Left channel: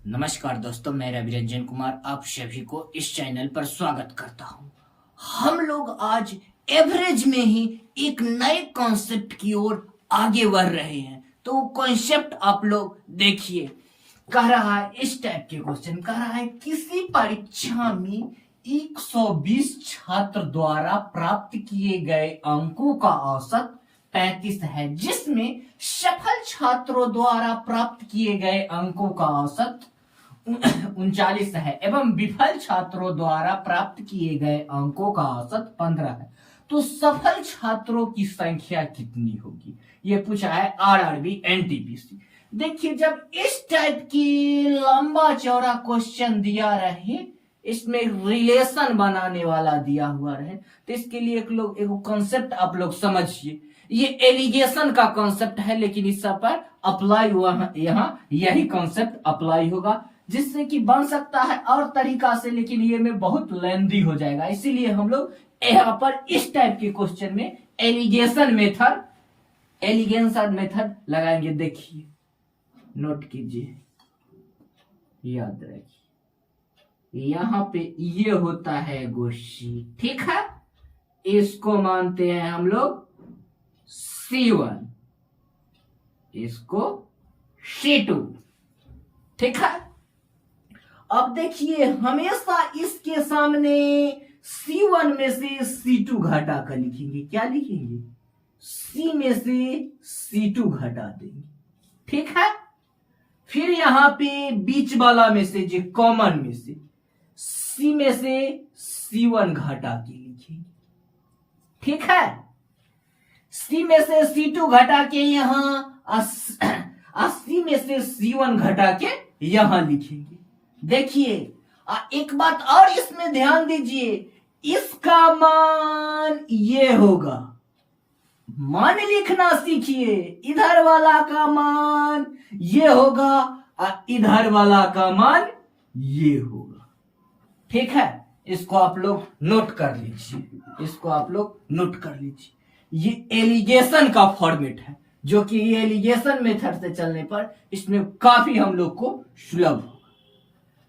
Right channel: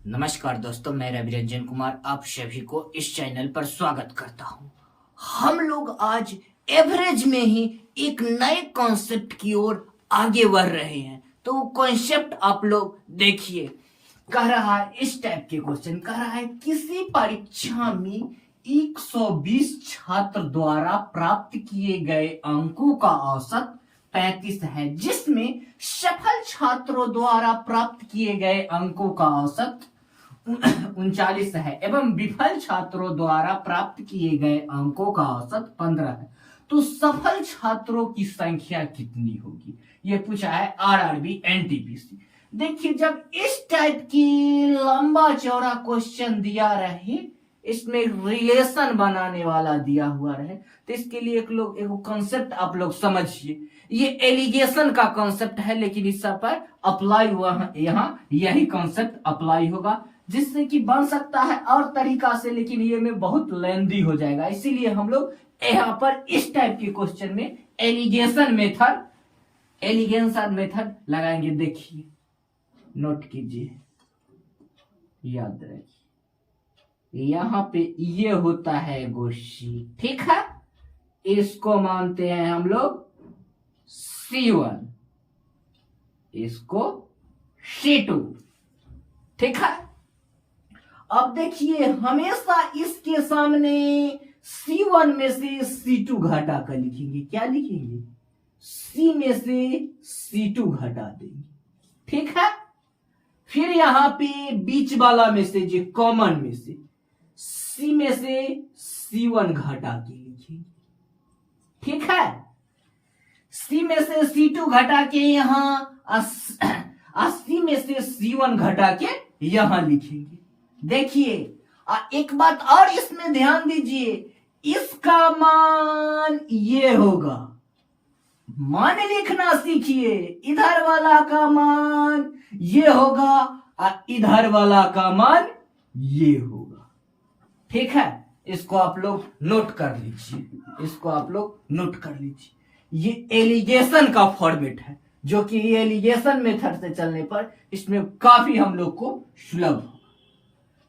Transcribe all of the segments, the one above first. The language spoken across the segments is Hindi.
नमस्कार दोस्तों, मैं रवि रंजन कुमार आप सभी को इस चैनल पर स्वागत करता हूं। हम लोग आज एवरेज में ही एक नए कॉन्सेप्ट की ओर आगे बढ़ रहे हैं। तो वो कॉन्सेप्ट आप लोग देखिए। कह रहा है इस टाइप के क्वेश्चन, कह रहा है किसी परीक्षा में 120 छात्र द्वारा प्राप्त किए गए अंकों का औसत 35 है, जिसमें सफल छात्रों द्वारा प्राप्त किए गए अंकों का औसत 39 है एवं विफल छात्रों द्वारा प्राप्त किए गए अंकों का औसत 15 है। तो सफल छात्रों की संख्या कितनी होगी, ये पूछा है आरआरबी एनटीपीसी। देखिए, जब इस टाइप की लंबा चौड़ा क्वेश्चन दिया रहे, इसमें रिलेशन बनाने वाला दिया हुआ रहे, तो इसके लिए एक कॉन्सेप्ट आप लोग समझिए। ये एलिगेशन का कॉन्सेप्ट है, लेकिन इस सब पर अप्लाई हुआ यहाँ यही कॉन्सेप्ट अप्लाई होगा, जिससे कि बन सकता है और तरीका से, लेकिन ये में बहुत लेंदी हो जाएगा। इसीलिए हम लोग यहाँ पर इस टाइप के क्वेश्चन में एलिगेशन मेथड लगाएंगे। देखिए, नोट कीजिए, याद रखिए, यहाँ पे ये होता है गोशी, ठीक है। इसको मानते हैं हम लोग C1, इसको C2, ठीक है। अब देखिए, हमेशा इसके सामने C1 में से C2 घटा कर लिखेंगे। क्या लिखेंगे? C में से C2 घटा देंगे, ठीक है। फिर यहां पे बीच वाला में से, जो कॉमन में से, C में से C1 घटा के लिखेंगे, ठीक है। C में से C2 घटा के यहां C में से C1 घटा के यहां लिखेंगे। देखिए, एक बात और इसमें ध्यान दीजिए, इसका मान ये होगा, मान लिखना सीखिए। इधर वाला का मान ये होगा और इधर वाला का मान ये होगा, ठीक है। इसको आप लोग नोट कर लीजिए, ये एलिगेशन का फॉर्मेट है, जो कि ये एलिगेशन मेथड से चलने पर इसमें काफी हम लोग को सुलभ होगा,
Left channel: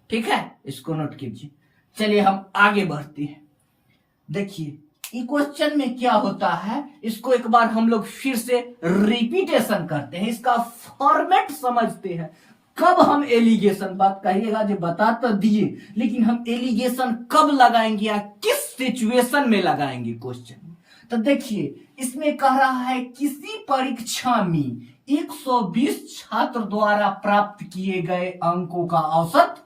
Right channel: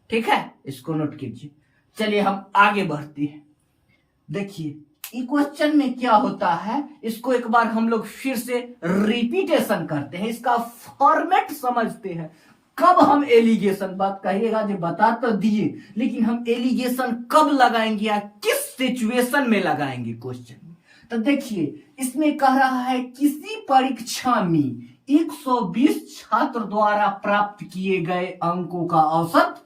ठीक है। इसको नोट कीजिए। चलिए हम आगे बढ़ते हैं। देखिए, इस क्वेश्चन में क्या होता है, इसको एक बार हम लोग फिर से रिपीटेशन करते हैं, इसका फॉर्मेट समझते हैं। कब हम एलिगेशन, बात कहिएगा जो बता तो दिए, लेकिन हम एलिगेशन कब लगाएंगे या किस सिचुएशन में लगाएंगे क्वेश्चन में। तो देखिए, इसमें कह रहा है किसी परीक्षा में 120 छात्र द्वारा प्राप्त किए गए अंकों का औसत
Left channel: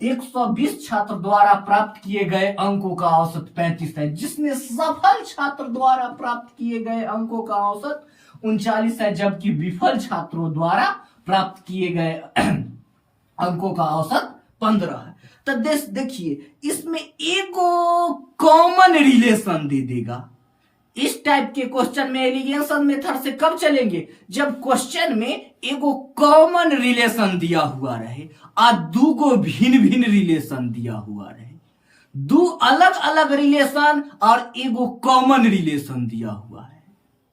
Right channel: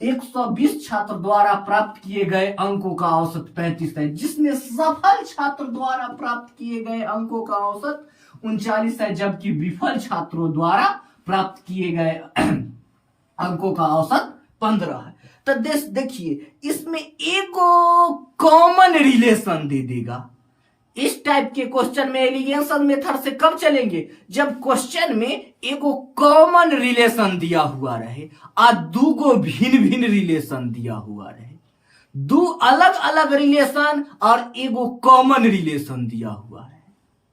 120 छात्र द्वारा प्राप्त किए गए अंकों का औसत 35 है, जिसमें सफल छात्र द्वारा प्राप्त किए गए अंकों का औसत 39 है, जबकि विफल छात्रों द्वारा प्राप्त किए गए अंकों का औसत 15 है। तो देखिए, इसमें एगो कॉमन रिलेशन दे देगा। इस टाइप के क्वेश्चन में एलिगेशन मेथड से कब चलेंगे, जब क्वेश्चन में एगो कॉमन रिलेशन दिया हुआ रहे और दूगो भिन्न भिन्न रिलेशन दिया हुआ रहे, दो अलग अलग रिलेशन और एगो कॉमन रिलेशन दिया हुआ है,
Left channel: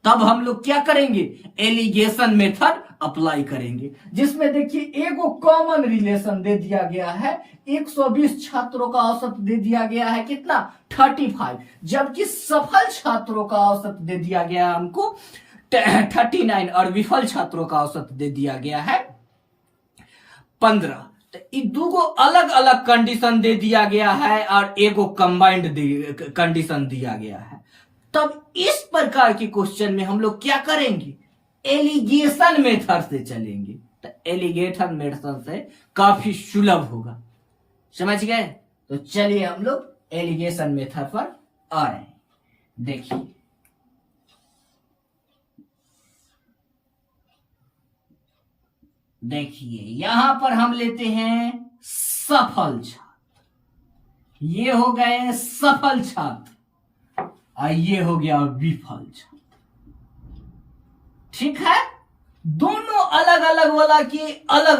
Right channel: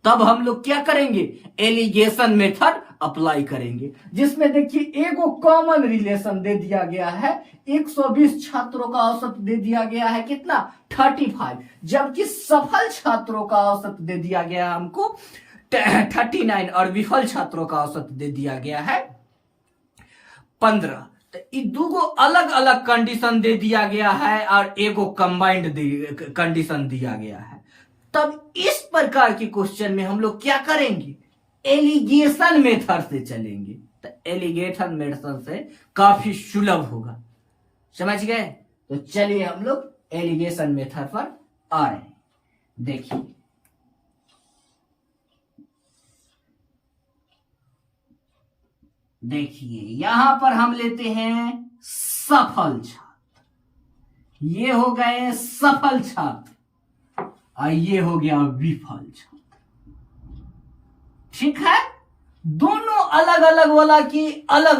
तब हम लोग क्या करेंगे, एलिगेशन मेथड अप्लाई करेंगे। जिसमें देखिए, एगो कॉमन रिलेशन दे दिया गया है, 120 छात्रों का औसत दे दिया गया है कितना, 35, जबकि सफल छात्रों का औसत दे दिया गया है हमको 39 और विफल छात्रों का औसत दे दिया गया है 15। तो ये दोगो अलग अलग कंडीशन दे दिया गया है और एगो कंबाइंड कंडीशन दिया गया है। तब इस प्रकार के क्वेश्चन में हम लोग क्या करेंगे, एलिगेशन मेथड से चलेंगे। तो एलिगेशन मेथड से काफी सुलभ होगा, समझ गए। तो चलिए हम लोग एलिगेशन मेथड पर आ रहे हैं। देखिए, यहां पर हम लेते हैं सफल छात्र, ये हो गए सफल छात्र और ये हो गया विफल छात्र, ठीक है। दोनों अलग अलग वाला की अलग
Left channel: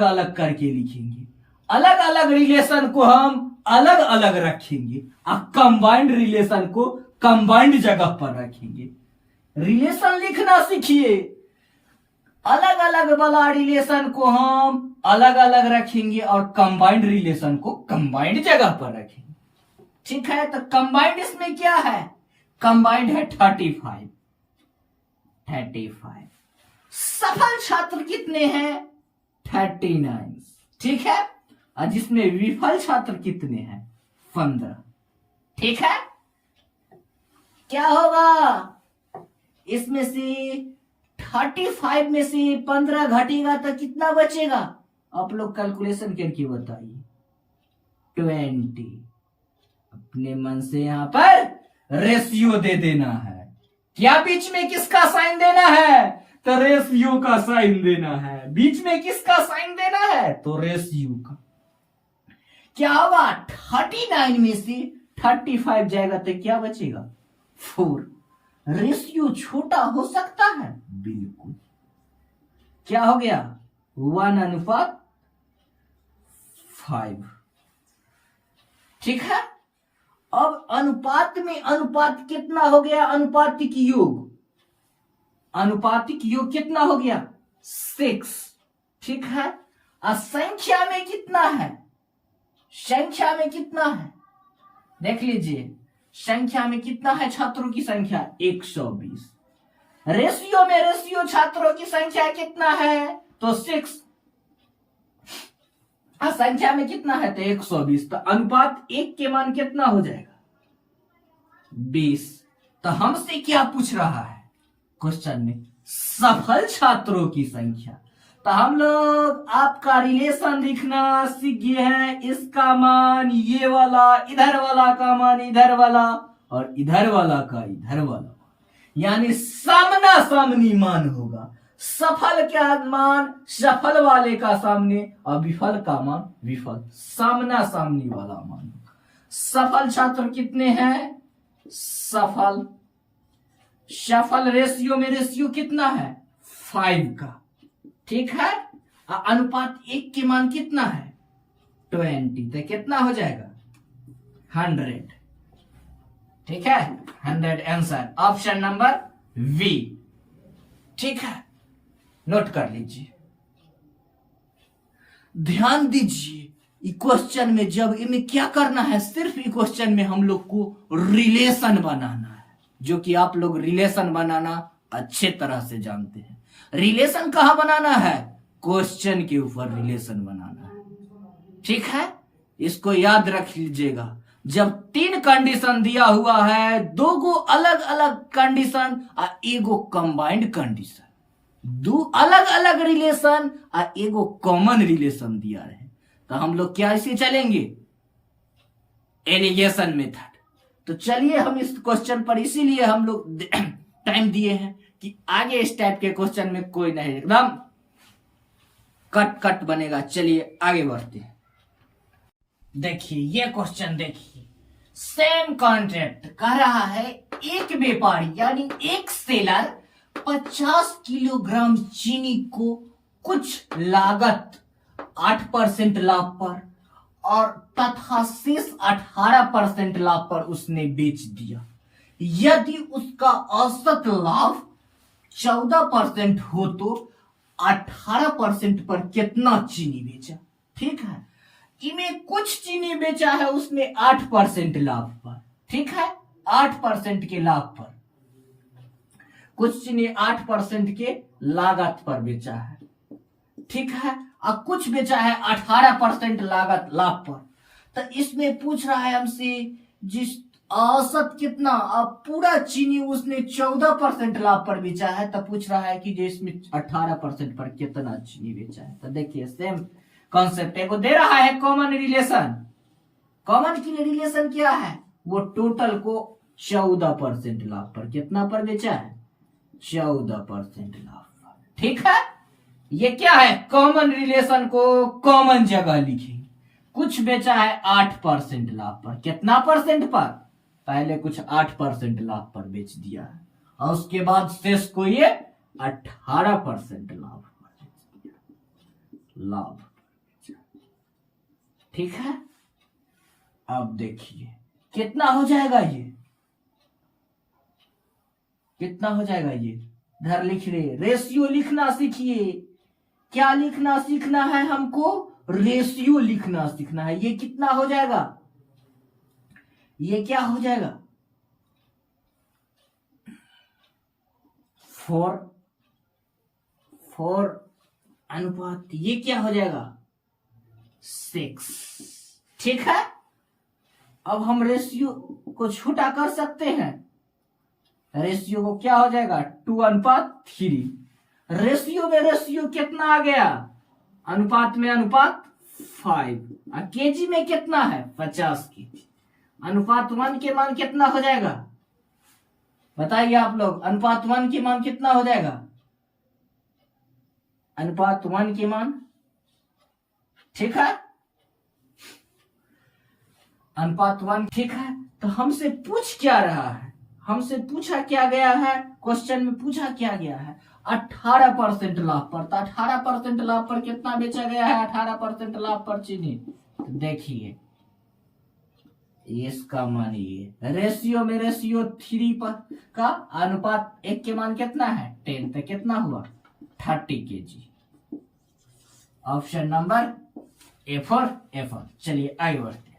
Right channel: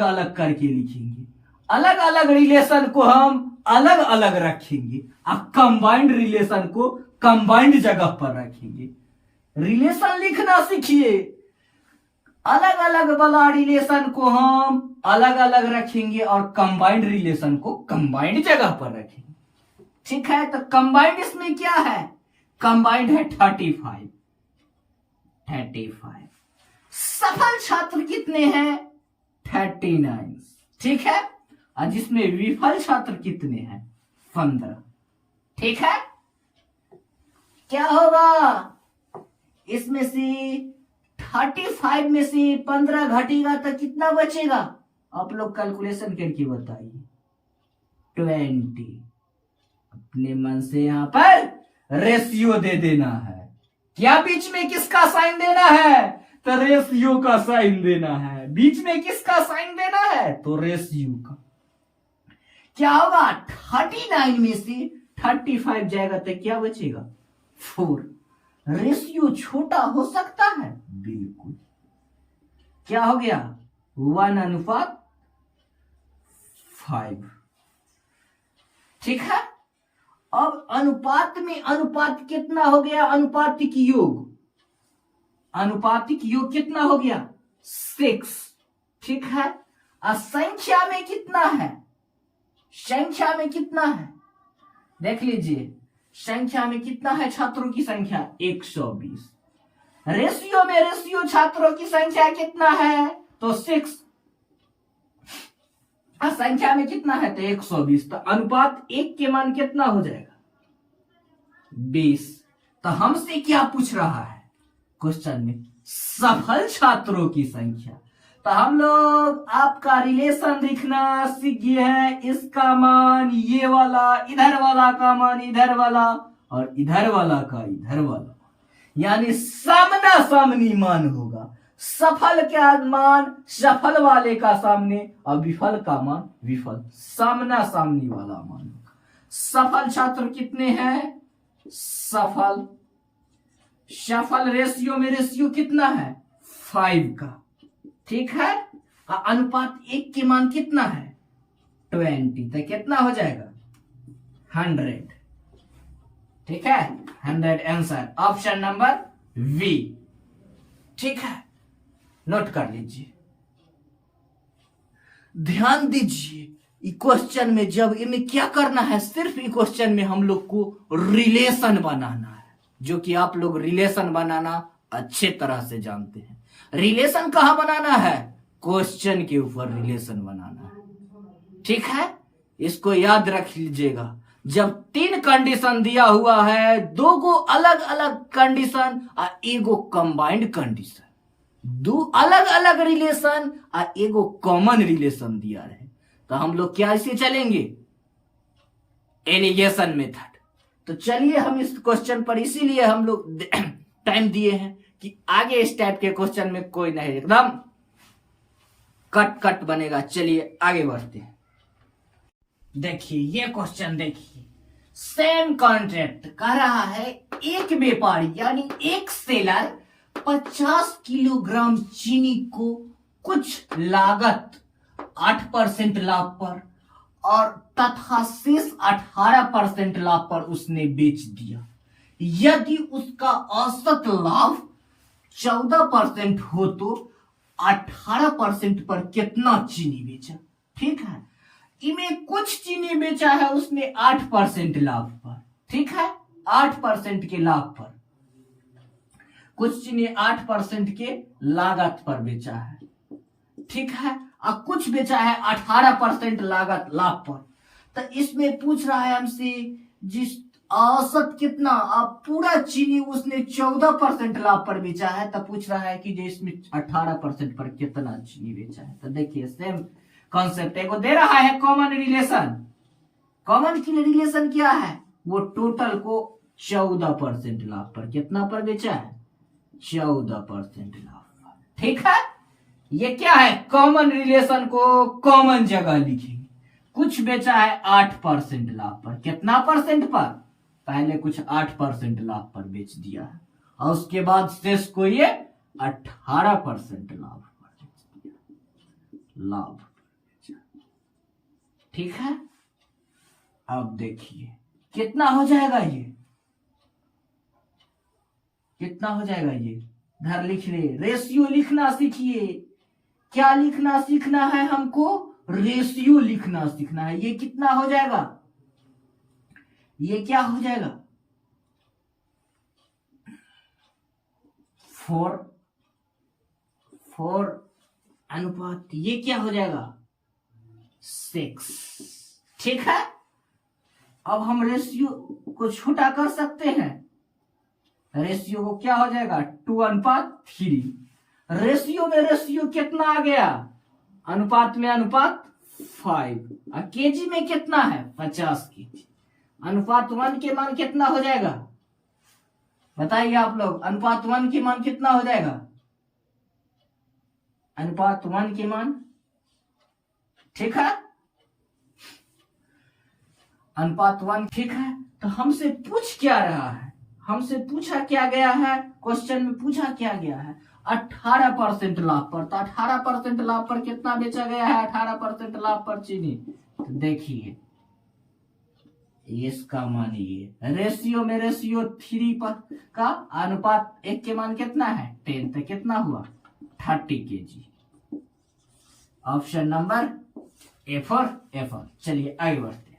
अलग करके लिखेंगे, अलग अलग रिलेशन को हम अलग अलग रखेंगे और कंबाइंड रिलेशन को कंबाइंड जगह पर रखेंगे। रिलेशन लिखना सीखिए, अलग अलग वाला रिलेशन को हम अलग अलग रखेंगे और कंबाइंड रिलेशन को कंबाइंड जगह पर रखेंगे। ठीक है, तो कंबाइंड इसमें क्या है, कंबाइंड है 35। सफल छात्र कितने हैं, 39। ठीक है, और जिसमें विफल छात्र कितने हैं, 15। ठीक है, क्या होगा, इसमें से 35 में से 15 घटेगा तो कितना बचेगा, आप लोग कैलकुलेशन करके बताइए। 20। अपने मन से यहां पर रेशियो दे देना है। क्या बीच में किसका साइन देना है, तो रेशियो का साइन देना है। बीच में किसका साइन देना है, तो रेशियो का। क्या होगा, 39 में से 35 जाएगा तो क्या बचेगा, 4। रेशियो छोटा हो सकता है, बिल्कुल। क्या हो गया, 1:5। ठीक है, अब अनुपात में अनुपात कितना हो गया, अनुपातिक योग, अनुपातिक योग कितना हो गया, 6। ठीक है, और संख्या में कितना है, संख्या में कितना है, देख लीजिए संख्या में कितना है, छात्रों की संख्या 120। रेशियो में रेशियो छात्रों की संख्या कितना है, तो 6। संख्या में कितना है, तो 120। तो अनुपात 1 के मान कितना हो जाएगा, 20। तो हमसे क्या पूछ रहा है क्वेश्चन में, सफल छात्रों की संख्या। तो हम लोग आपका रिलेशन लिखना सीख गए हैं। इसका मान ये वाला, इधर वाला का मान इधर वाला, और इधर वाला का इधर वाला, यानी सामना सामनी मान होगा। सफल का मान सफल वाले का सामने, और विफल का मान विफल सामना सामनी वाला मान होगा। सफल छात्र कितने हैं, सफल रेशियो में रेशियो कितना है, 5 का। ठीक है, अनुपात 1 के मान कितना है, 20। तो कितना हो जाएगा, 100। ठीक है, 100 आंसर, ऑप्शन नंबर बी। ठीक है, नोट कर लीजिए, ध्यान दीजिए। क्वेश्चन में जब इनमें क्या करना है, सिर्फ क्वेश्चन में हम लोग को रिलेशन बनाना है, जो कि आप लोग रिलेशन बनाना अच्छे तरह से जानते हैं। रिलेशन कहां बनाना है, क्वेश्चन के ऊपर रिलेशन बनाना है। ठीक है, इसको याद रख लीजिएगा। जब 3 कंडीशन दिया हुआ है, 2 गो अलग अलग कंडीशन और एगो कंबाइंड कंडीशन, 2 अलग अलग रिलेशन और एगो कॉमन रिलेशन दिया है, तो हम लोग क्या इसे चलेंगे, एलिगेशन मेथड। तो चलिए हम इस क्वेश्चन पर इसीलिए हम लोग टाइम दिए हैं कि आगे इस टाइप के क्वेश्चन में कोई नहीं, एकदम कट कट बनेगा। चलिए आगे बढ़ते हैं। देखिए ये क्वेश्चन देखिए, सेम कॉन्ट्रैक्ट कह रहा है, एक व्यापारी यानी एक सेलर 50 किलोग्राम चीनी को कुछ लागत 8% लाभ पर और तथा शेष 18% लाभ पर उसने बेच दिया। यदि उसका औसत लाभ 14% हो तो 18% पर कितना चीनी बेचा। ठीक है, इनमें कुछ चीनी बेचा है उसने 8% लाभ पर। ठीक है, 8% के लाभ पर, कुछ चीनी 8% के लागत पर बेचा है। ठीक है, और कुछ बेचा है 18% लागत लाभ पर। तो इसमें पूछ रहा है हमसे जिस औसत कितना, अब पूरा चीनी उसने 14% लाभ पर बेचा है, तो पूछ रहा है कि जो इसमें 18% पर कितना चीनी बेचा है। तो देखिए सेम कॉन्सेप्ट है, वो दे रहा है कॉमन रिलेशन। कॉमन की रिलेशन क्या है, वो टोटल को 14% लाभ पर कितना पर बेचा है, 14% लाभ पर। ठीक है, ये क्या है, कॉमन रिलेशन को कॉमन जगह लिखेंगे। कुछ बेचा है 8% लाभ पर, कितना परसेंट पर, पहले कुछ 8% लाभ पर बेच दिया है, और उसके बाद शेष को ये 18% लाभ पर बेच दिया, लाभ। ठीक है, अब देखिए कितना हो जाएगा, ये कितना हो जाएगा, ये इधर लिख रहे, रेशियो लिखना सीखिए। क्या लिखना सीखना है हमको? रेशियो लिखना सीखना है। ये कितना हो जाएगा? ये क्या हो जाएगा? 4 अनुपात, ये क्या हो जाएगा? 6। ठीक है, अब हम रेशियो को छोटा कर सकते हैं। रेशियो को क्या हो जाएगा? 2:3। रेशियो में रेशियो कितना आ गया? अनुपात में अनुपात 5। और केजी में कितना है? 50 केजी। अनुपात 1 के मान कितना हो जाएगा? बताइए आप लोग, अनुपात 1 के मान कितना हो जाएगा? अनुपात 1 के मान, ठीक है, अनुपात 1, ठीक है। तो हमसे पूछ क्या रहा है? हमसे पूछा क्या गया है? क्वेश्चन में पूछा क्या गया है? 18% लाभ पर। तो 18% लाभ पर कितना बेचा गया है? 18% लाभ पर चीनी। तो देखिए इसका मान ये, रेशियो में रेशियो 3 पर का अनुपात 1 के मान कितना है? 10। तो कितना हुआ? 30 KG. Option number A for Apple. चलिए आगे बढ़ते हैं।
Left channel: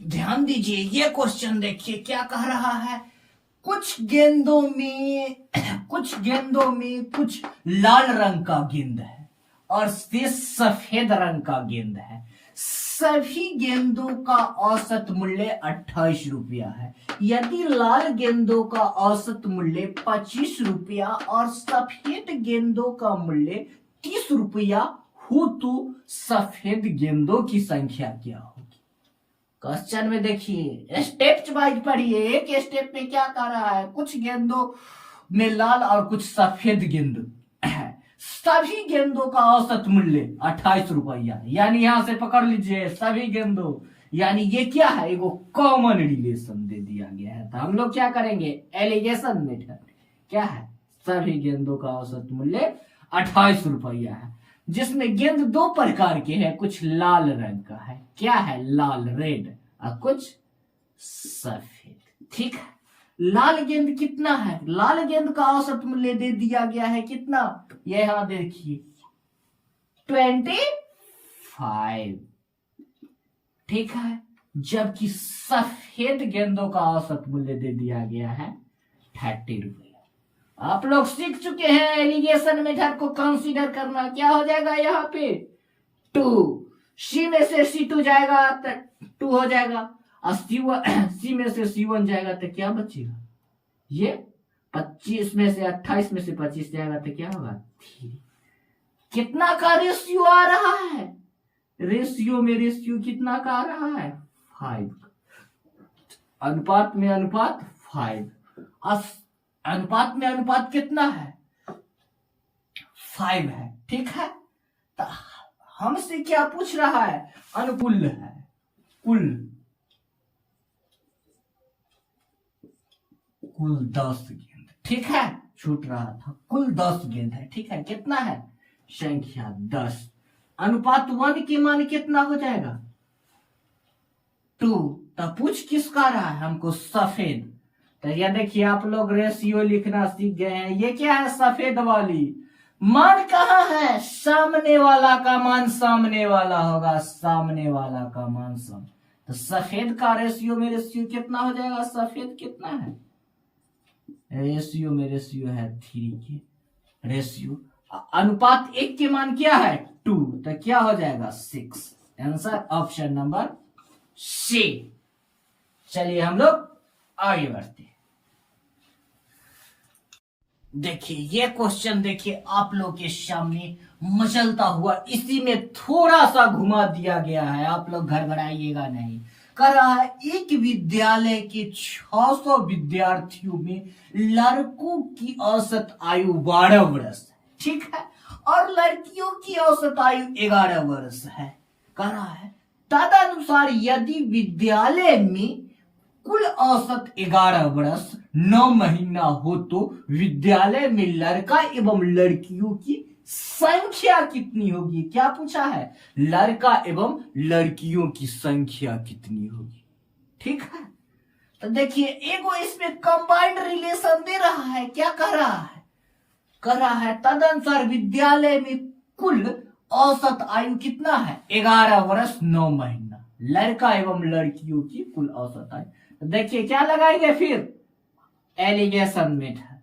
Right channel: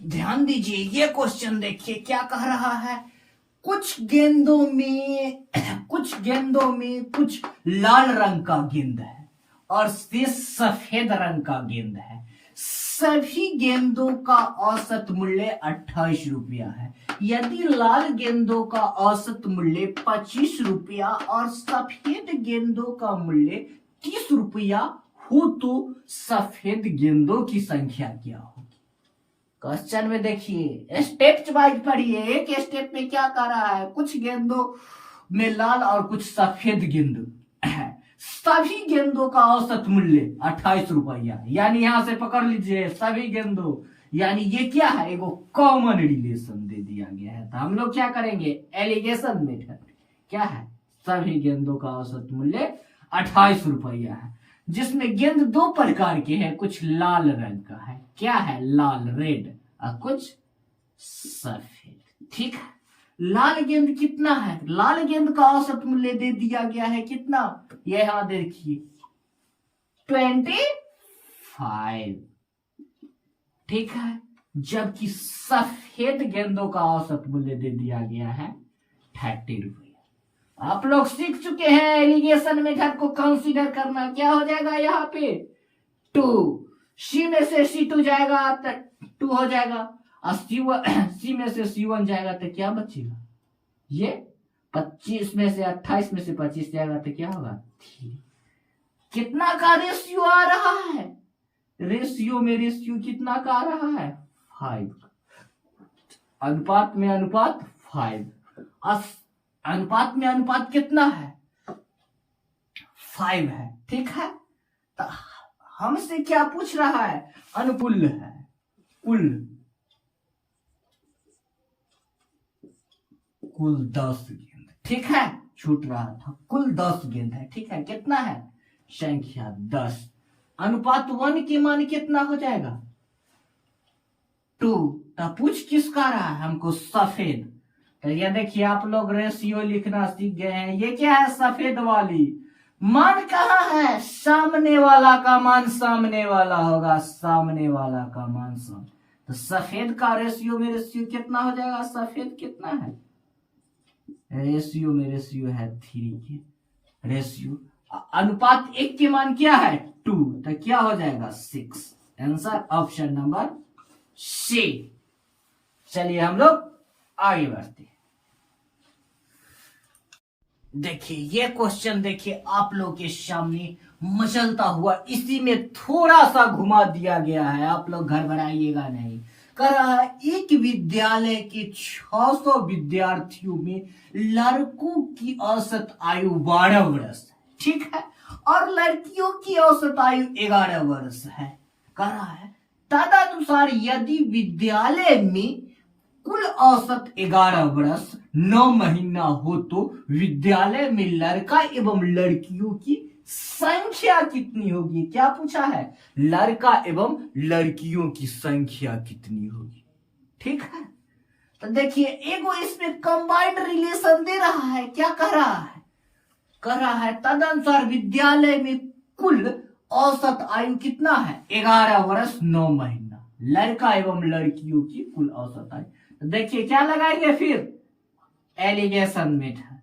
ध्यान दीजिए, ये क्वेश्चन देखिए क्या कह रहा है। कुछ गेंदों में कुछ लाल रंग का गेंद है और शेष सफेद रंग का गेंद है। सभी गेंदों का औसत मूल्य 28 रुपया है। यदि लाल गेंदों का औसत मूल्य 25 रुपया और सफेद गेंदों का मूल्य 30 रुपया हो तो सफेद गेंदों की संख्या क्या होगी? क्वेश्चन में देखिए, स्टेप वाइज पढ़िए। एक स्टेप में क्या कर रहा है? कुछ गेंदों में लाल और कुछ सफेद गेंद है। सभी गेंदों का औसत मूल्य 28 रुपया, यानी यहां से पकड़ लीजिए सभी गेंदों, यानी ये क्या है? एगो कॉमन रिलेशन दे दिया गया है। तो हम लोग क्या करेंगे? Alligation method. क्या है? सभी गेंदों का औसत मूल्य 28 रुपया है, जिसमें गेंद 2 प्रकार के हैं। कुछ लाल रंग का है, क्या है? लाल, रेड, और कुछ सफेद। ठीक है, लाल गेंद कितना है? लाल गेंद का औसत मूल्य दे दिया गया है कितना? ये यहां देखिए 25। ठीक है, जबकि सफेद गेंदों का औसत मूल्य दे दिया गया है 30 रुपया। आप लोग सीख चुके हैं एलिगेशन मेथड को कंसीडर करना। क्या हो जाएगा यहाँ पे? 2। सी में से C2 जाएगा तो 2 हो जाएगा, और सी में से C1 जाएगा तो क्या बचेगा? ये 25 में से 28 में से 25 जाएगा तो क्या होगा? 3। कितना का रेशियो आ रहा है? रेशियो में रेशियो कितना का आ रहा है? 5। अनुपात में अनुपात 5। अनुपात में अनुपात कितना है? 5 है। ठीक है, तो हमसे क्या पूछ रहा है? अनुकूल है, कुल 10 गेंद। ठीक है, छूट रहा था, कुल 10 गेंद है। ठीक है, कितना है? संख्या 10। अनुपात 1 के मान कितना हो जाएगा? 2। तो पूछ किसका रहा है हमको? सफेद। तो ये देखिए आप लोग रेशियो लिखना सीख गए हैं। ये क्या है? सफेद वाली। मान कहाँ है? सामने वाला का मान सामने वाला होगा, सामने वाला का मान सामने। तो सफेद का रेशियो में रेशियो कितना हो जाएगा? सफेद कितना है? रेशियो में रेशियो है 3 के रेशियो। अनुपात 1 के मान क्या है? 2। तो क्या हो जाएगा? 6। Answer option number C. चलिए हम लोग आगे बढ़ते हैं। देखिए ये क्वेश्चन देखिए आप लोग के सामने मचलता हुआ, इसी में थोड़ा सा घुमा दिया गया है, आप लोग घबराइएगा नहीं। कह रहा है एक विद्यालय के 600 विद्यार्थियों में लड़कों की औसत आयु 12 वर्ष है। ठीक है, और लड़कियों की औसत आयु 11 वर्ष है। कह रहा है तदनुसार यदि विद्यालय में कुल औसत 11 वर्ष 9 महीना हो तो विद्यालय में लड़का एवं लड़कियों की संख्या कितनी होगी? क्या पूछा है? लड़का एवं लड़कियों की संख्या कितनी होगी। ठीक है, तो देखिए एगो इसमें कंबाइंड रिलेशन दे रहा है, क्या कह रहा है, कह रहा है तदनुसार विद्यालय में कुल औसत आयु कितना है, 11 वर्ष 9 महीना, लड़का एवं लड़कियों की कुल औसत आयु। तो देखिए क्या लगाएंगे फिर, एलिगेशन मेथड।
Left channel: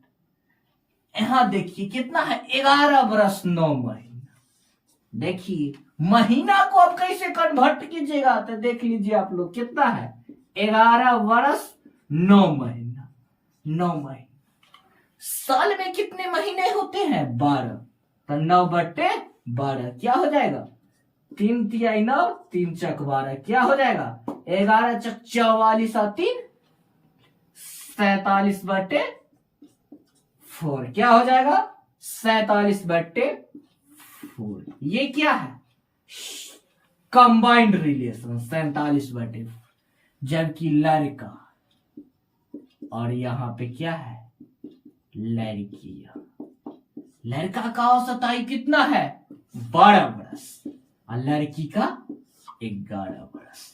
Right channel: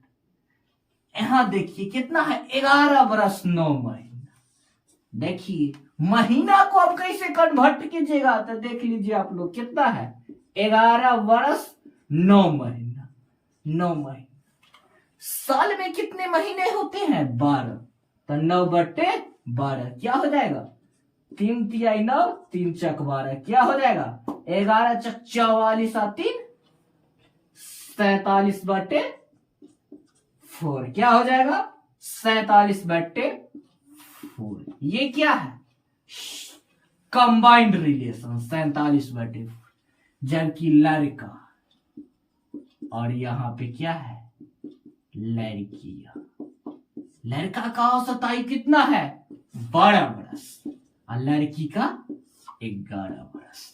यहां देखिए कितना है, 11 वर्ष 9 महीना। देखिए महीना को आप कैसे कन्वर्ट कीजिएगा, तो देख लीजिए आप लोग कितना है, 11 वर्ष 9 महीना, 9 महीना। साल में कितने महीने होते हैं, 12, तो 9/12 क्या हो जाएगा, 3 तिहाई 9, 3 चक 12, क्या हो जाएगा, 11 चक 44 और 3 47/4, क्या हो जाएगा 47/4। ये क्या है, कंबाइंड रिलेशन 47/4, जबकि लड़का और यहां पे क्या है, लड़की। लड़का का औसत आयु कितना है, 12 वर्ष और लड़की का 11 वर्ष।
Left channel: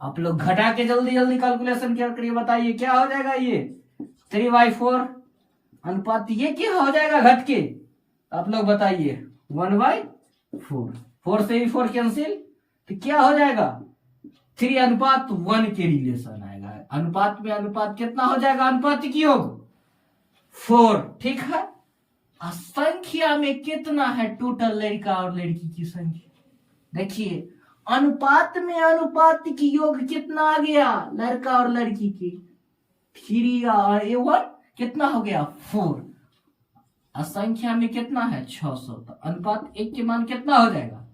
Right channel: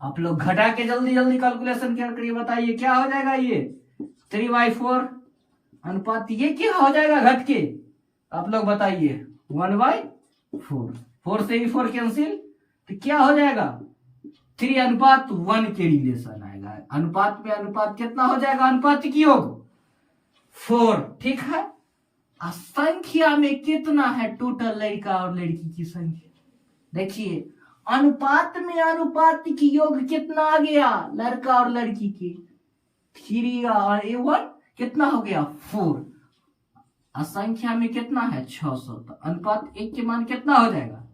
आप लोग घटा के जल्दी जल्दी कैलकुलेशन करिए, बताइए क्या हो जाएगा, ये 3/4 अनुपात, ये क्या हो जाएगा घट के, आप लोग बताइए 1/4, 4 से भी 4 कैंसिल, तो क्या हो जाएगा 3:1 के रिलेशन आएगा। अनुपात में अनुपात कितना हो जाएगा, अनुपात की योग 4, ठीक है। संख्या में कितना है टोटल लड़का और लड़की की संख्या, देखिए अनुपात में अनुपात की योग कितना आ गया, लड़का और लड़की की 3 और 1 कितना हो गया 4, संख्या में कितना है 600, तो अनुपात 1 के मान कितना हो जाएगा,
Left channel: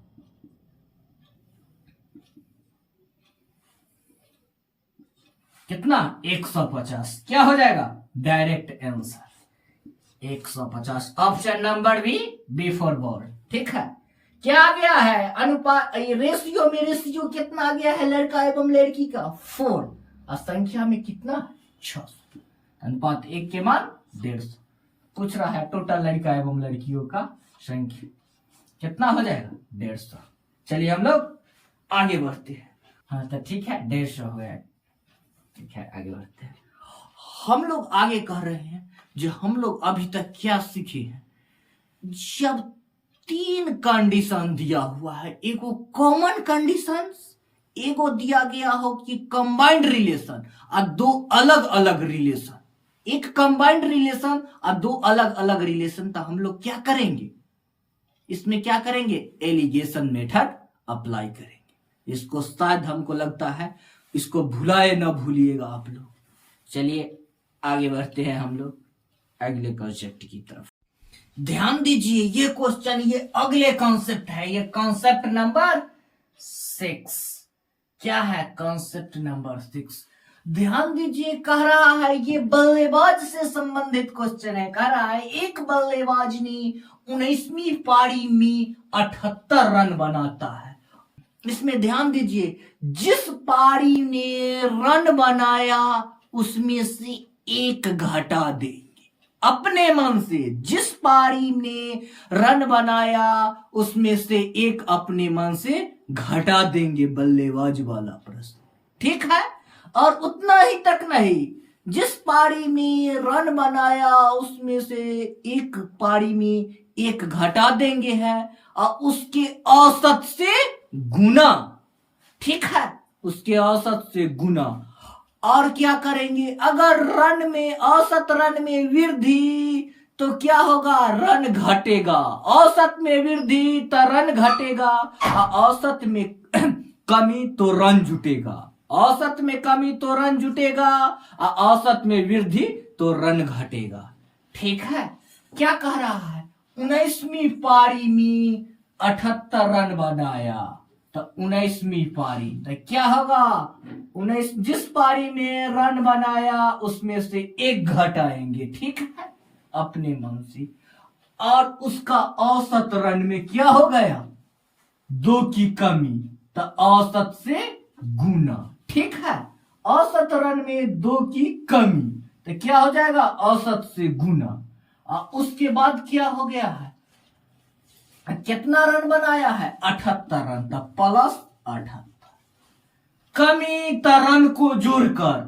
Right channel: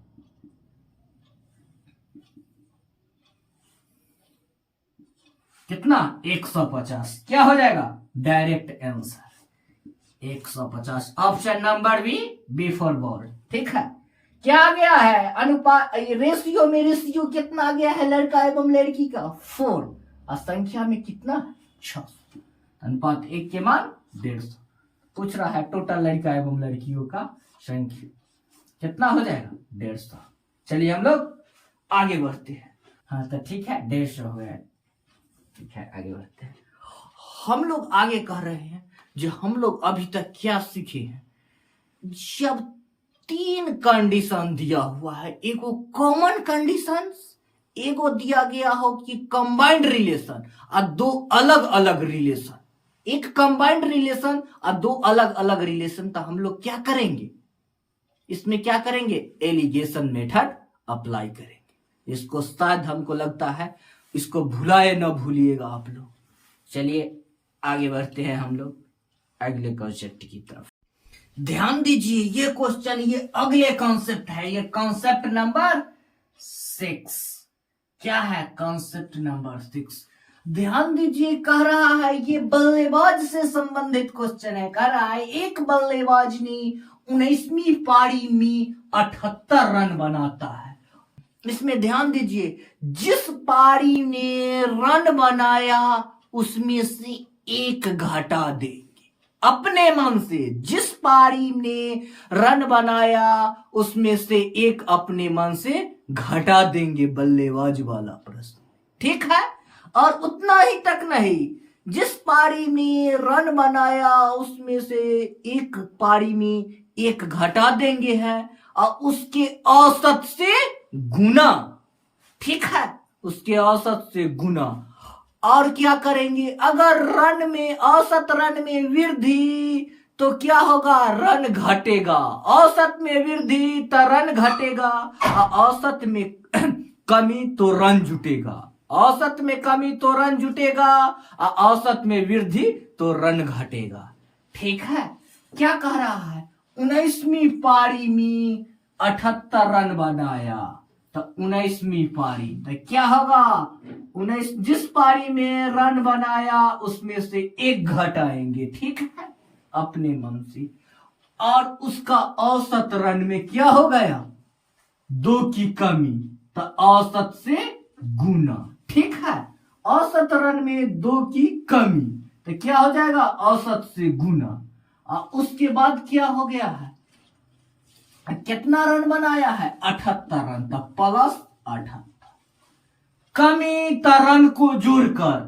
कितना 150, क्या हो जाएगा, direct answer 150। Option number B for ball, ठीक है। क्या आ गया है, अनुपात रेशियो में रेशियो कितना आ गया है, लड़का एवं लड़की का 4 और संख्या में कितना 600, अनुपात 1 के मान 150। पूछ रहा है टोटल लड़का एवं लड़कियों का संख्या कितना हो जाएगा, 150। चलिए हम लोग आगे बढ़ते हैं। हाँ तो ठीक है, 150 हो गया, ठीक है आगे बढ़ते हैं। हम लोग आगे कह रहे हैं जो हम लोग अभी तक क्या सीखे हैं, जब 3 कंडीशन दिया हुआ है, एगो कॉमन कंडीशन, एगो दिया गया हो कि कंबाइंड रिलेशन और 2 अलग अलग रिलेशन, एक कंबाइंड रिलेशन और 2 अलग अलग रिलेशन, तो हम लोग क्या करेंगे, इसमें क्या करेंगे, एलिगेशन मेथड अप्लाई करेंगे। इसको शायद हमको लगता है इसको भुलाए ना भूलिएगा आप लोग। चलिए आगे बढ़ते हैं हम लोग अगले कॉन्सेप्ट की तरफ। ध्यान दीजिए ये क्वेश्चन, ये अगले कॉन्सेप्ट है, ये कॉन्सेप्ट नंबर 6। क्या है कॉन्सेप्ट नंबर 6, ध्यान दीजिए, कह रहा है ये बल्लेबाज से संबंधित क्वेश्चन है। कह रहा है एक बल्लेबाज ने 19वीं पारी में 78 रन बनाता है। इसमें ध्यान दीजिए, जिस पारी ने रन बनाया उसमें से एक घटा देंगे अपने मन से, जिस पारी ने रन बनाया उसमें से एक अपने मन से घटा देंगे, बल्लेबाज वाला प्रश्न, ठीक है। और उतना ही तक नहीं, जिस पारी में रन बनाया उसमें से एक पारी में एक घटा देंगे है और उसके औसत से गुना, ठीक है, उसके औसत से गुना। और क्या करेंगे, अगर रन में औसत रन में वृद्धि तो क्या होगा, रन घटेगा, औसत में वृद्धि तो रन घटेगा और औसत में कमी तो रन जुटेगा, औसत में कमी तो रन जुटेगा और औसत में वृद्धि तो रन घटेगा, ठीक है। क्या कह रहा है, 19वीं पारी में 78 रन बनाया, तो 19वीं पारी तो क्या होगा, 19 जिस पारी में रन बनाया उसमें से एक घटाएंगे, ठीक है, अपने मन से, और उसका औसत रन में क्या हो गया, 2 की कमी, तो औसत से गुना, ठीक है। औसत रन में 2 की कमी तो क्या हो जाएगा, औसत से गुना। और उसके बाद क्या हो गया है, कितना रन बनाया है, 78 रन, तब प्लस 78, कमी रन को जोड़कर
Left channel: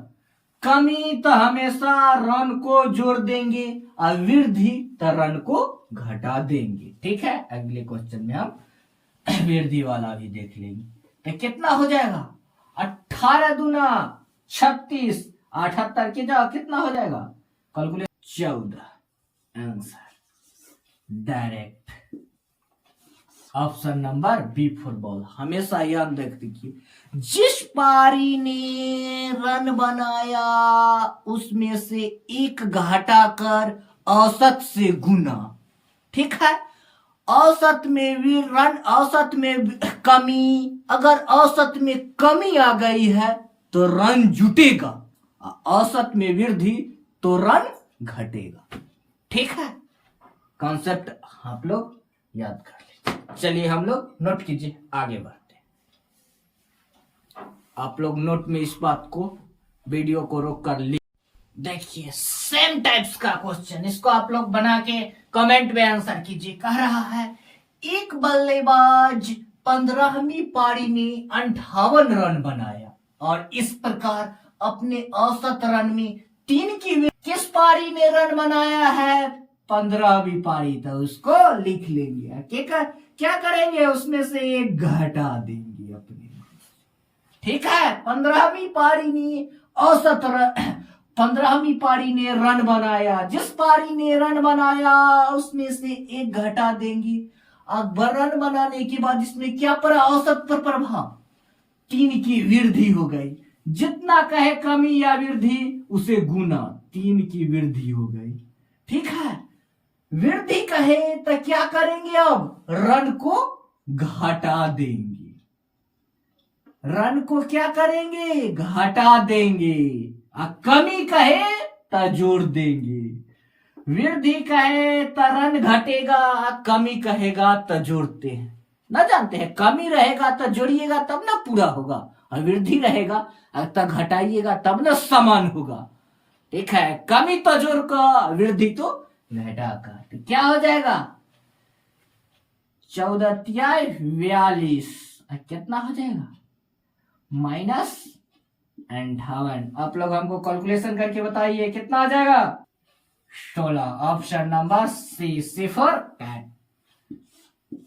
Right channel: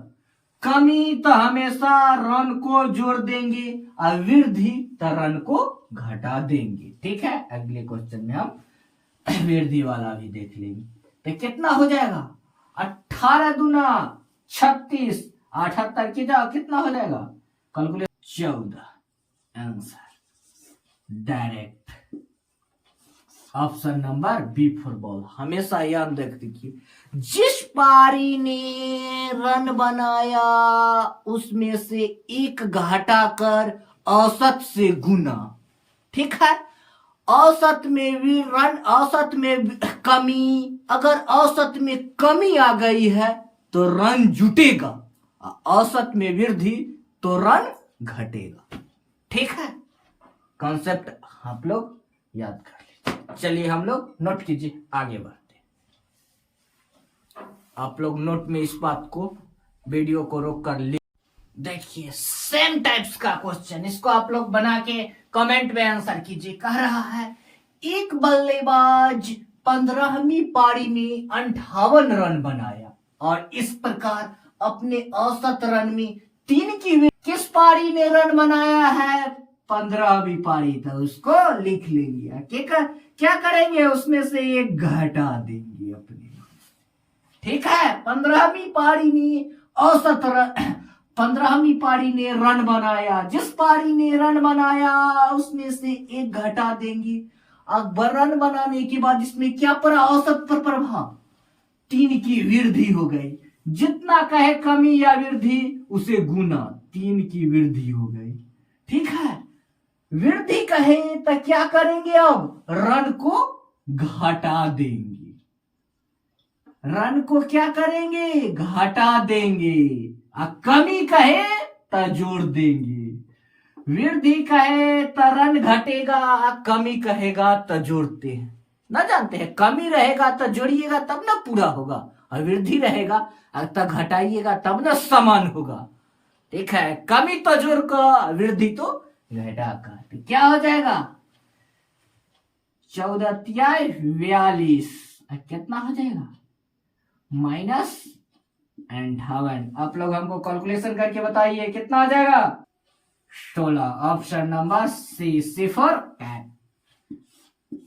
कमी तो हमेशा रन को जोड़ देंगे और वृद्धि तो रन को घटा देंगे। ठीक है, अगले क्वेश्चन में हम वृद्धि वाला भी देख लेंगे। तो कितना हो जाएगा, 18 दूना 36, 78 के जाओ कितना हो जाएगा, calculate 14। Answer direct option number B for ball. हमेशा याद रखिए, जिस पारी ने रन बनाया उसमें से एक घटा कर औसत से गुना। ठीक है, औसत में भी रन, औसत में कमी, अगर औसत में कमी आ गई है तो रन जुटेगा, औसत में वृद्धि तो रन घटेगा। ठीक है, कॉन्सेप्ट आप लोग याद कर लीजिए। चलिए हम लोग नोट कीजिए, आगे बढ़ते हैं। आप लोग नोट में इस बात को, वीडियो को रोक कर लिख। देखिए सेम टाइप्स का क्वेश्चन, इसको आप लोग बना के कमेंट में आंसर कीजिए। कह रहा है एक बल्लेबाज 15वीं पारी में 58 रन बनाया और इस प्रकार अपने औसत रन में 3 की। किस पारी में रन बनाया है, 15वीं पारी, तो उसको लिख लेंगे। क्या करेंगे, उसमें से एक घटा देंगे अपने। ठीक है, 15वीं पारी में औसत रन, 15वीं पारी ने रन बनाया, जिस पारी ने रन बनाया उसमें से एक घटा देंगे। अब रन बनाने के बाद इसमें क्या पड़ा, औसत पर प्रभाव, 3 की वृद्धि हो गई। जितना कहे कमी या वृद्धि उसे गुना, 3 की वृद्धि हो गई। ठीक है, वृद्धि कहे तो क्या करेंगे, अब रन को घटा देंगे। रन को क्या करेंगे, घटा देंगे। कमी कहे तो जोड़ देंगे, वृद्धि कहे तो रन घटेगा, कमी कहेगा तो जोड़ते हैं। ना जानते हैं, कमी रहेगा तो जोड़िएगा तब ना पूरा होगा, और वृद्धि रहेगा तो घटाइएगा तब ना समान होगा। ठीक है, कमी तो जोड़ का, वृद्धि तो घटा का। तो क्या हो जाएगा, 14 तिहाई 42, कितना हो जाएगा, -58। आप लोग हमको कैलकुलेशन करके बताइए कितना आ जाएगा, 16। ऑप्शन नंबर सी, सिफर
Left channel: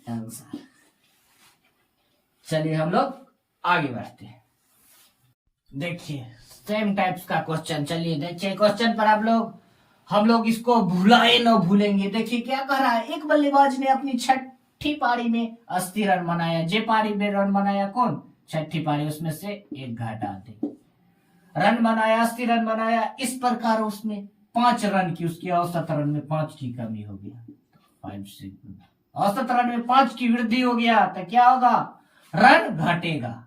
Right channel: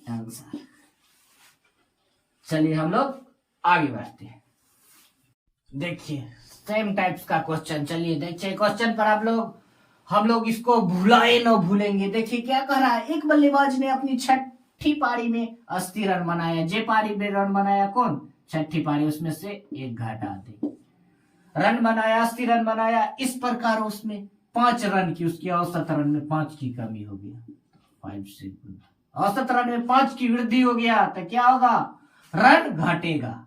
आंसर। चलिए हम लोग आगे बढ़ते हैं। देखिए सेम टाइप्स का क्वेश्चन, चलिए देखिए क्वेश्चन पर हम लोग इसको भुलाए न भूलेंगे। देखिए क्या कह रहा है, एक बल्लेबाज ने अपनी 6ठी पारी में 80 रन बनाया। जे पारी में रन बनाया कौन, 6ठी पारी, उसमें से एक घटा दे। रन बनाया, 80 रन बनाया, इस प्रकार उसमें 5 रन की, उसकी औसत रन में 5 की कमी हो गया, 5 से औसत रन में 5 की वृद्धि हो गया, तो क्या होगा, रन घटेगा।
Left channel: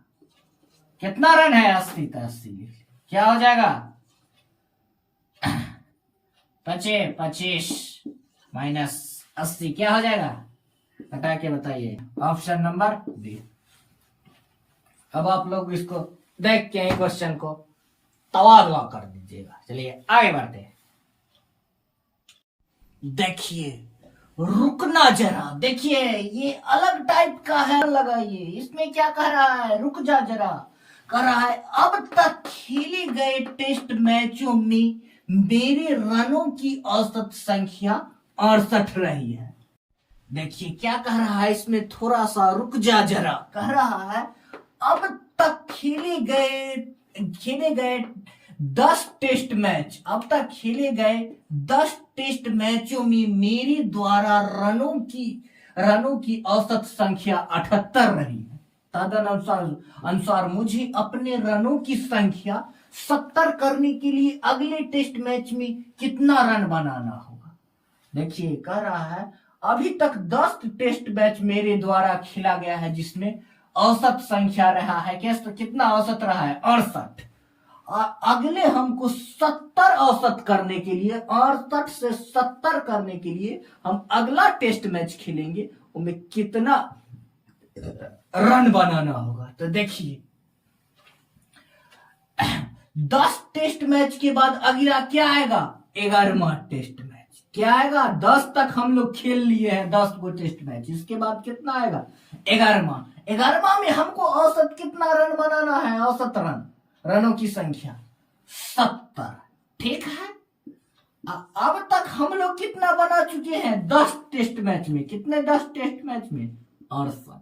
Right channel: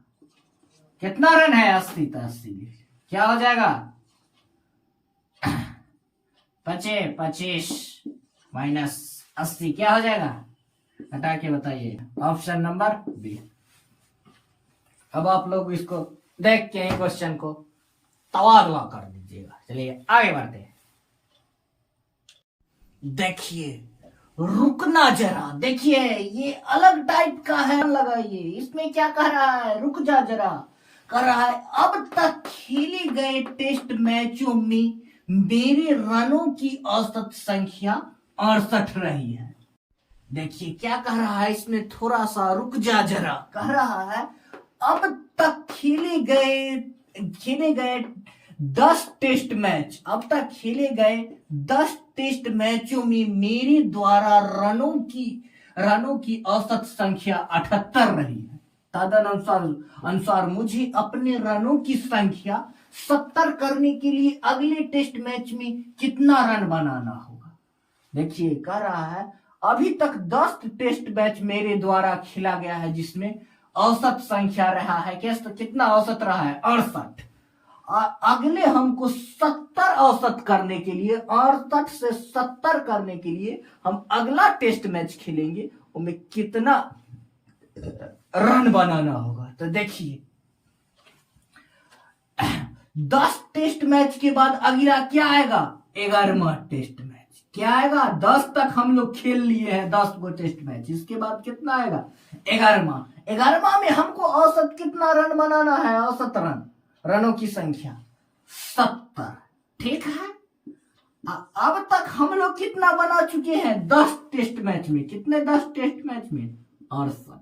कितना रन है, 80, तो 80 क्या हो जाएगा, 25 -80 क्या हो जाएगा, हटा के बताइए। Option number B. अब आप लोग इसको देख के क्वेश्चन को तबादला कर दीजिएगा। चलिए आगे बढ़ते हैं। देखिए रुकना जरा, देखिए ये अलग टाइप का है, लगाइए। इसमें क्या कह रहा है, रुक जा जरा, कह रहा है अब तक खेले गए टेस्ट मैचों में मेरे रनों की औसत संख्या 68 रही है। देखिए क्या कह रहा है, इसमें थोड़ा सा रुक जा जरा, कह रहा है अब तक खेले गए 10 टेस्ट मैच, अब तक खेले गए 10 टेस्ट मैचों में मेरे द्वारा रनों की औसत संख्या 78 रही है। तदनुसार मुझे अपने रनों की संख्या 70 करने के लिए अगले टेस्ट मैच में कितना रन बनाना होगा। देखिए कह रहा है अभी तक 10 टेस्ट मैच मेरे द्वारा खेला गया है, जिसमें औसत संख्या रहा है, कितना औसत रहा है, 68। अगले हमको 70 औसत करने के लिए, 68 से 70 करने के लिए हम अगला टेस्ट मैच खेलेंगे, उनमें कितना रन बनाना होगा। तो देखिए 10 टेस्ट मैच के बाद अगला क्या आएगा, 11वां टेस्ट मैच। क्या आएगा, 10 तक हम लोग खेल लिए हैं, 10 गो टेस्ट मैच, इसके बाद कितना आएगा, 11वां में हमको औसत कितना रन बनाना है, औसत रनों की संख्या। 70। ठीक है, अब तक हम लोग कितना बना चुके हैं 10 टेस्ट मैच में? कितने 10 टेस्ट मैच में? 68।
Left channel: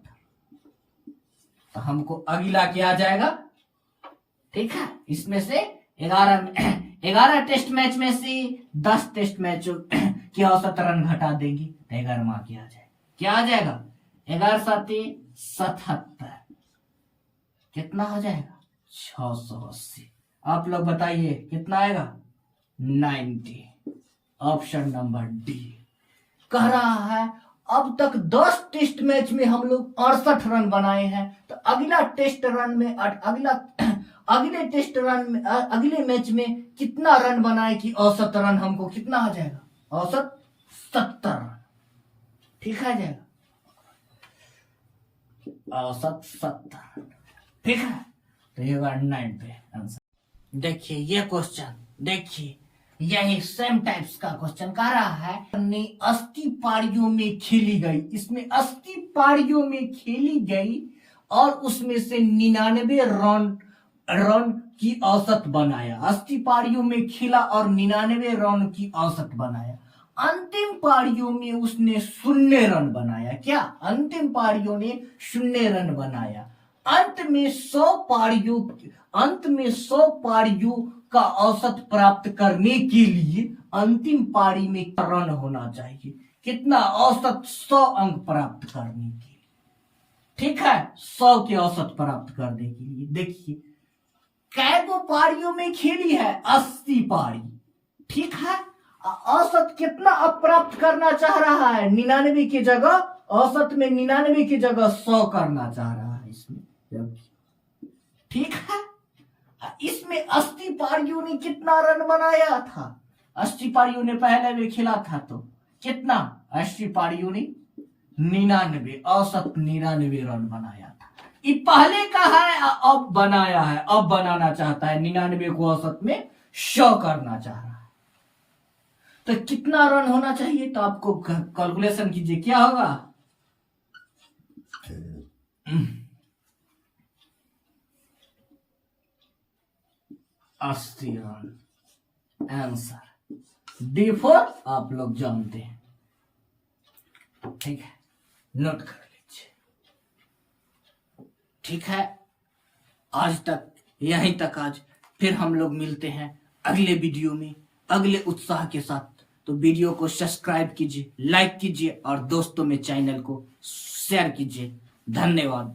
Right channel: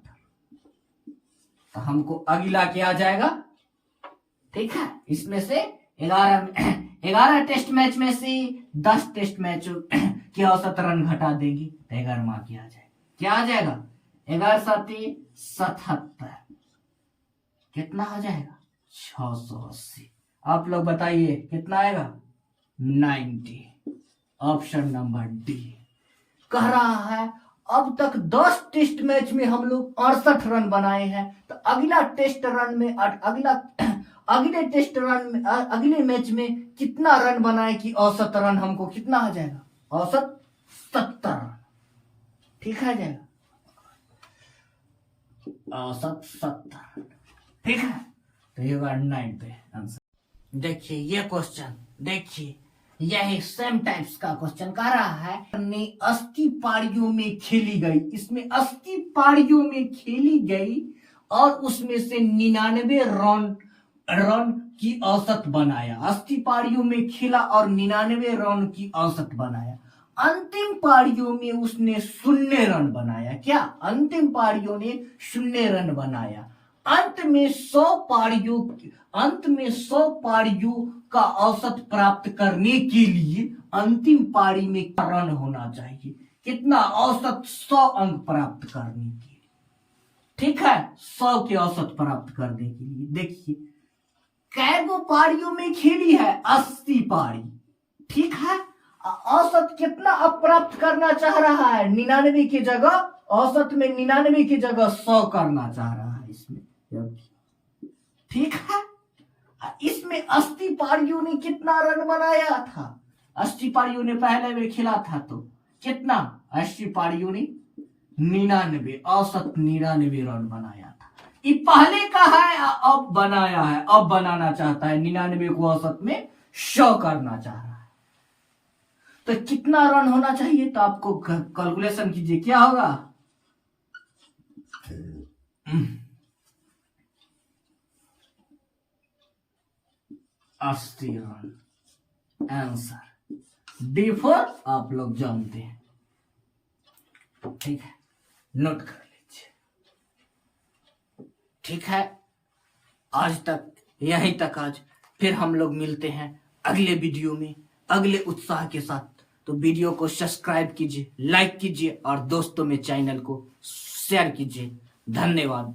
तो हमको अगला क्या आ जाएगा? ठीक है, इसमें से 11 टेस्ट मैच में से 10 टेस्ट मैच की औसत रन घटा देंगे तो 11वां क्या आ जाएगा? क्या आ जाएगा? 11 7 77। कितना हो जाएगा? 680। आप लोग बताइए कितना आएगा? 90। ऑप्शन नंबर डी कह रहा है अब तक 10 टेस्ट मैच में हम लोग 68 रन बनाए हैं, तो अगले मैच में कितना रन बनाए कि औसत रन हमको कितना आ जाएगा? औसत 70 रन। ठीक है जाएगा, औसत 70 रन। ठीक है, तो ये 90 आंसर। देखिए ये क्वेश्चन, देखिए यही सेम टाइप्स का क्वेश्चन कह रहा है 80 पारियों में खेली गई, इसमें 80 पारियों में खेली गई और उसमें से 99 रन की औसत बनाया। 80 पारियों में खेला और 99 रन की औसत बनाया। अंतिम पारियों में उसने 0 रन बनाया। क्या? अंतिम पारियों ने 0 रन बनाया। अंत में 100 पारियों का औसत प्राप्त करने के लिए अंतिम पारी में रन होना चाहिए कितना? औसत 100 अंक प्राप्त करने के लिए। ठीक है, 100 के औसत प्राप्त करने के लिए देखिए कैगो पारियों में खेली है? 80 पारी। ठीक है, औसत कितना अब प्राप्त करना चाह रहा है? 99 की जगह, औसत में 99 की जगह 100 करना चाह रहा है इसमें। ठीक है, इसमें 80 पारियों ने कितना रन बनाया था? 80 पारियों ने पहले में खेला था तो कितना? 80 पारियों ने 99, औसत 99 रन बनाया था। ये पहले का है, अब बनाया है, अब बनाना चाहता है 99 को औसत में 100 करना चाह रहा है। तो कितना रन होना चाहिए? तो आपको कैलकुलेशन कीजिए, क्या होगा? 80 रन आंसर। D4 आप लोग जानते हैं। ठीक है, नोट कर लीजिए। ठीक है, आज तक यहीं तक आज। फिर हम लोग मिलते हैं अगले वीडियो में अगले उत्साह के साथ। तो वीडियो को सब्सक्राइब कीजिए, लाइक कीजिए और दोस्तों में चैनल को शेयर कीजिए। धन्यवाद।